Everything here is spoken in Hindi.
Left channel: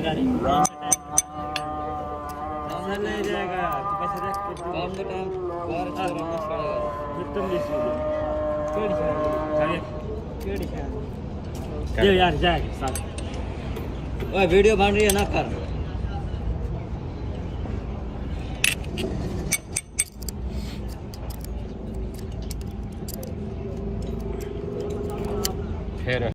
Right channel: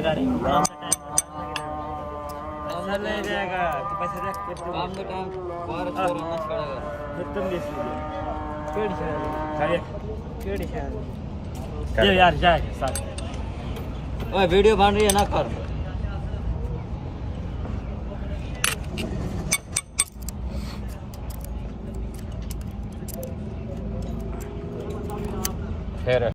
गाड़ी ले जाएगा काम का काम बाहर यार जाए वीडियो बन रही है ना कर